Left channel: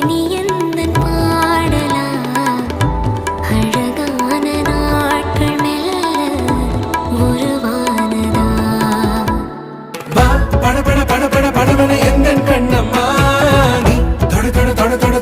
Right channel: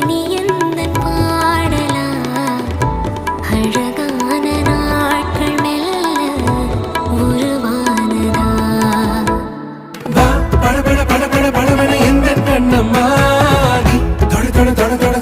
இனி எந்தன் பாடலா அழகான நாட்கள் மெல்ல உருவானதா பட பட பட பட படவன எந்தன் கண்ணம்மா நீ தொட தொட தொட தொட